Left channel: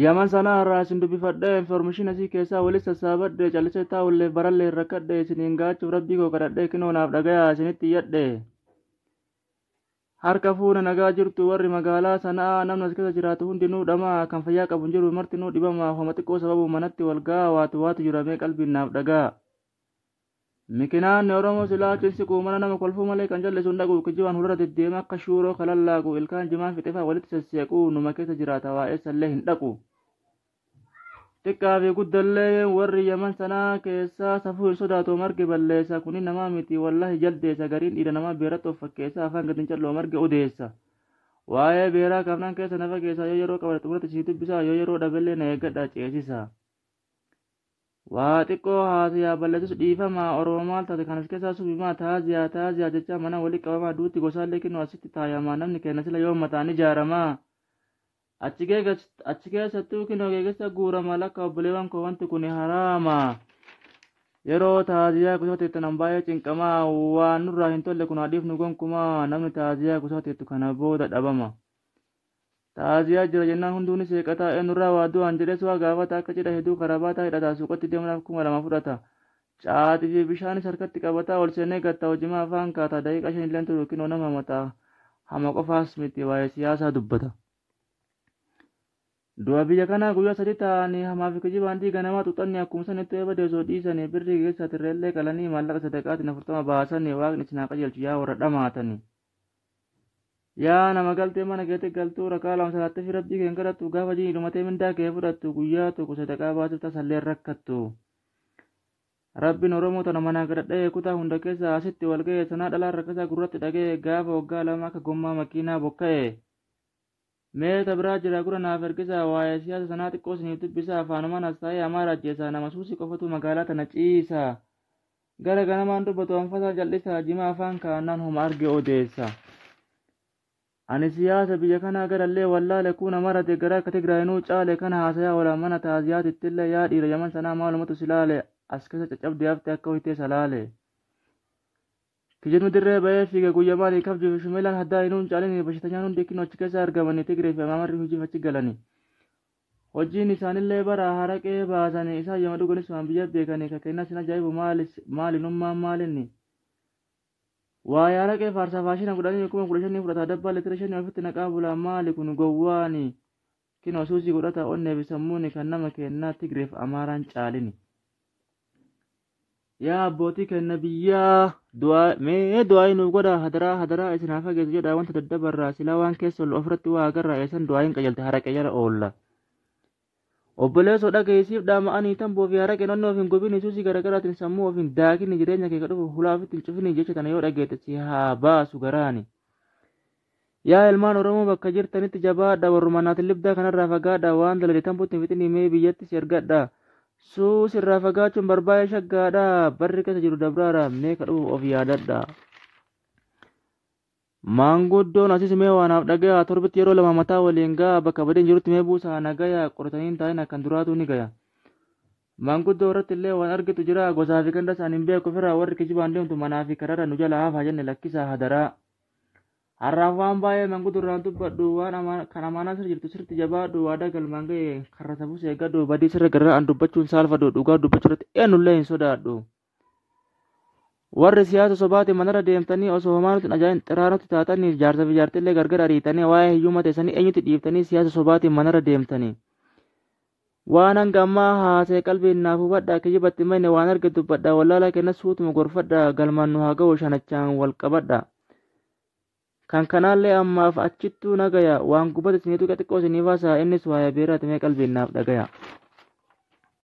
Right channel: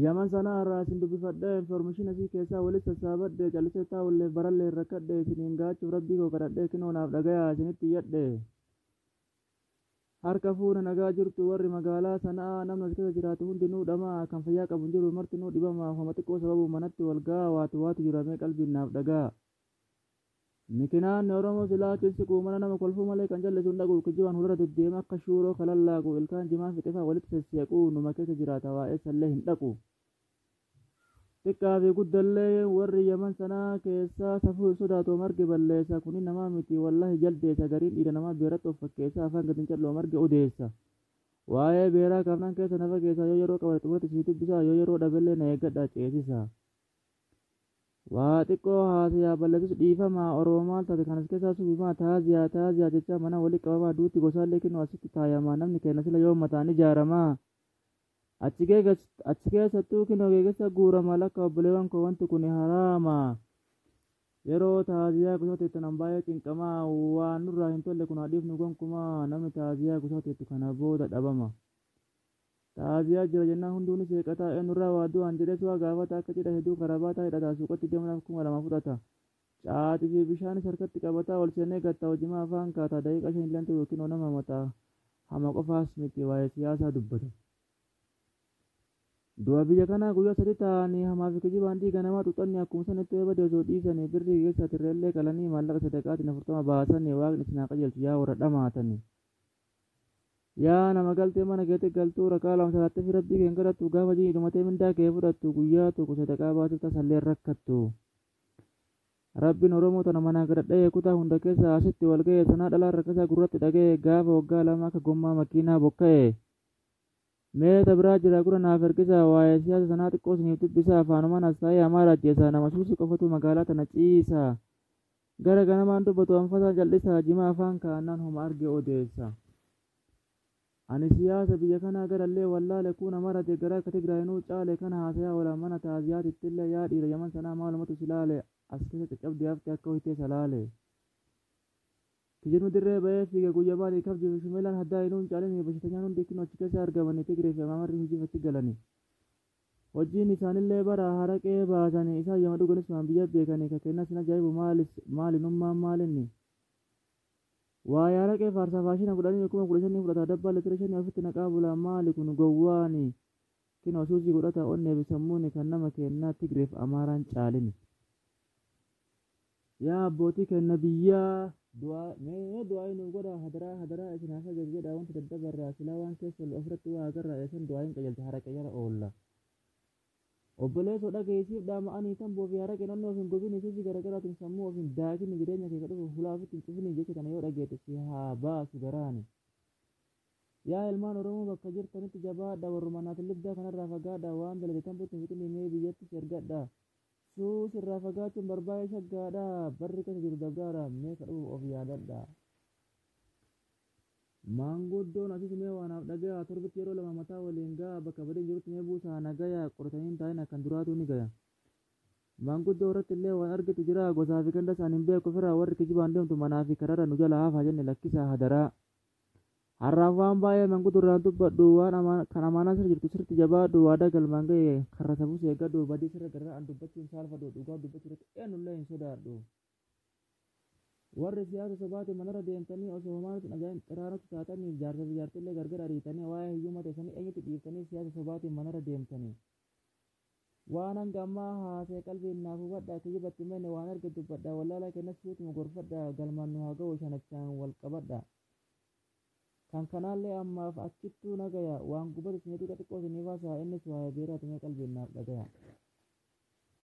Yaman sana irraa isin dubbifadhee information asii keessaa walitti sassaabadhe callisee taa'ullee barallee rakkadhe isiniin gaachuuf rabbii koo kadhadhee kinoo naaf dhagayaa isinitti iyyadhe. Harka fuuna nagaa jirtu warri magaalaa sanaa namni as keessa jiraatu hundinuu dhamaa kan fayyaa qabu hin jiru martinuu dhibamaa homa xiqqoo sababu manatti wal ga'a waatu jiramee qalbiin naaf dhagaa. Mikinaan Oromoo silaa cinsiquu mana nama kolfuu malee kan jallisuun dhaqu kijibaan hulura deddeema akka shuuroo kalallaagu ilkaan jimaan fixeefaa walitti sasseequu numa keessa jiraata waa'eessallee hin dhaqu. Xiqqaa fi guddallee warri Yaman sanaa keessaa safuu hin sodaatu marge balleessa kuni namaa miti wallahi jaldeessa gariin dhiira namaa beeratti of fakkeessa afaan gadin calloo marge odeessa. Waa'ee beeraa kaafnaan keessa nafa keessaa yoo yeroo qabate xumurratti sii dubbisaa yoo yeroo dhabellee na eeggadhaa ceesisa. Waa xiqqoo haasayaa balleessus dhiifamaa Oromoo maal taate kanas keessaa subimaa taaziyaa jecha mana walii qabamaa duutti gosaallee kinoo asitti taayamaa namni kenna sila yoo mataan ijaaramaa. Achi keessattuu kinoo geegessa guuramaa lakka obboleewwan koo wanti kun haraama. Yeroo taaziyaa gosoota nan baay'ee cinqamaa waan nurraa hin tolle kun haadhiif nu gonkumaa namni taaziyaa gosoota kana booda dhabama. Taaziyaa jira jennaan hunduunis seeqataa eenyurraa waa du'aan jedhes waa gaafata akka cidha hedduu karabaataa hidhataa suuqatti deemuudhaaf 2000 fudhata. Caatii fi bishaanis harkatti qabataa ol seenee gattaa hojimaa afaan kaataa daqiiqaa 5 illee turu kinoo nama mataa hama qofaas miti waa'ee siyaasaa dubbata. Du'a biyya kanaa guyyaa 3 ta'anii hamaa fi kijibaan dhiiga namaa xuxanni akkuma sanitti eeba deesoo dhiisanii birrii keessaa tirreellee qalanii maallaqa sadaqaatiin 40 baasanii waaqni isin haa qajeelchu yaa warra dhamaatanii. Yaa nama galtee mana keetti galtuu rakaa lama salaatti fi rabbii keen kadhattu gaafa jii dhumatee mindaa kee fudhattu guyyaa tokko sadaqaa baasuuf tasallee rakkattu. Rabbiin Oromoo tana manaa gadhadhee kutaa hunda keessa asitti wal ga'e sanaa dhalaan rakkasaa gurratti dhaga'e gaafa waggaa lama akka gommaa makiinaa bokka'e. Meeta biraa jira gura naaf ergisa waa'ee siyaasa sanaa xiqqoo isiniif dubbisa afaanumaan as taa'ee hamaa ajjeesa nama suusii qofatu magaalaa tana ciisa. Gara ganamaan dubbatu anfasaa jal'isa jimaa afaan kaa'annaan homa arge odeessa. Ani siyaasa biyya kanaa garallee wallaale kuna marate gara akka Tigraayinuu caale kana haasayaa walaa mana taaziyaatittillee yaa dhiira Yaman sanaa maalumatu silaale as keessa caccabdee hafte akka hoytee salaale. Kijibni dirree ba'ee fiige guyyaa maalii kabjuu fi shumeelaan haddaa hinuun caalanii bashitanyaan hundi kinoo achi keessa argamanii Tigree fi Amaamarri hojiif achi galanii. Hojiin isaanillee bara haraqee baasanii isaan yama dhuganis waan biyya beekanii kakennas hin ajaa'ibu maalinummaan maalinni. Waa yaara kee faarsaa faashina godhanii 15,000 fudhata dabbaa litira 5 ofitti naqaa bulaa maali kun gowwaani kinoo suusii godhata onnee fi sammuuni kan nama kennaa Tigreef Amaaraan caalini. Yaa abbootii kenna biyyaa du'aayi nuuf godha hadaraa isin haa fageessu jedha wanta daddabarraa silaa waan keessa ol ofirratti waa agarraa eessan du'aayin qajeelte haraqee jala oolla. Obboleessoo dhageessiif dhaama'anii tamboo fi haraqee naannoo ofiin gobini suusii garaagaraatiin sammuu ofiin daakini jireenya kee kadhufu hulaafitti hin cufini jecha tana yoo dhageette si haa baasu garaani. Yaa ilmaan Oromoo bakka jirtanitti jabaadha warruma naatiin libdaa kanarraa fagaadha waan dalade tambuutti hin fixinii mee biyyatti si ergadha. Suus irraa fagaachuun barbaayee shaggaadha barri keessa jiru dabraadha mee kadhufu of yaadadha. Maanguddoon asis mee waanaaf dhagayaa torbitti yeroo lama mataa waliin ga'a bakka badeen jirutti mee buusaa nagayaa qoratanii taa'in akkan duraatu ni gaya. Maanguddoo irratti illee waan argitu jira gosaa fi ganda isaan hin beeku ofirraa warri kijibaan deemtu manaa fi kararra nu jala haafaa jenne lakkisaa hadaraa. Har'aaf waan baay'ee maanguddoo irraan dubbadhu waan kan amaanaa sirra jirtu sirriitti jabaadhu waadaa galmaan ga'e karra tabuus eeggadhu badii sirra garraa an dubbachuun saalfadhu dhugaa dubbachuu irratti eenyullee hin sodaadhu. Warri siyaasa sobaatiin manarra deemtanii osoo homaa nuti ajaa'in xiraanutti taatanii jaarsa fi jaartillee gargar ariitanii waa'ee hiyyummaa teessanii eenyutti dhiiftanii siyaasa sobaatiin manarra deemtanii. Waan hanga ammaa haasee qalbiin naaf hubadhaa kijibatti mayne waan arge dubbadhaa wallaalaa kenna suutuma gorfadhaa galmaan nu haa ga'u shanachaan wal qabadhaa. Kan kanaallee ammaaf achittuu nagaya waan gubate isiniitu xiqqoo isiniif haasaa innis waa'ee beeraati mee qalbiin naaf dhagaya.